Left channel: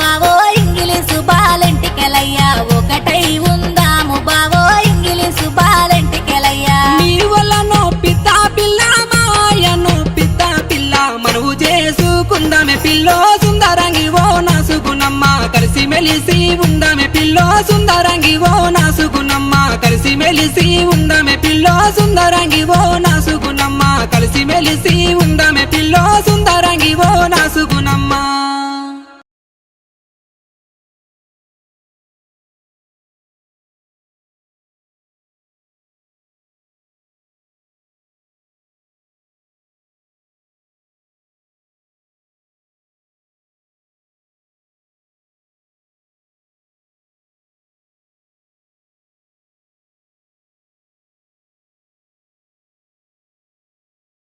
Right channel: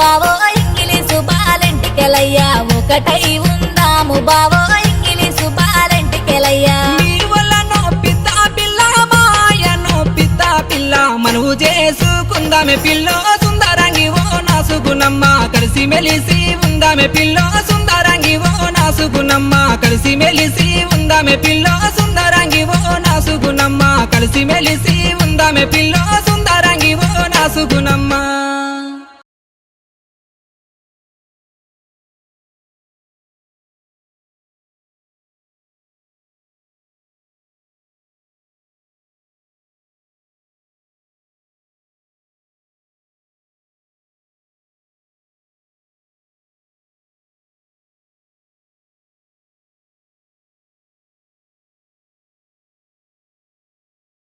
బావో ఇంగిలీసు బాలెంటికెలయ్యా ఒకటై ఉందాము బావో ఇంగిలీసు బాలెంటికెలయ్యా నీ వల్లనో పిత్త పిల్ల మాయనో పిత్త పిల్ల మనవు చేసుకుందామే పిల్లో సుందరంగి ఓ నాసుగునమ్మ కలిసి మెలిసి ఉందామే పిల్లో సుందరంగి ఓ నాసుగునమ్మ కలిసి మెలిసి ఉందామే పిల్లో సుందరంగి ఓ నాసుగునమ్మ కలిసి మెలిసి ఉందామే పిల్లో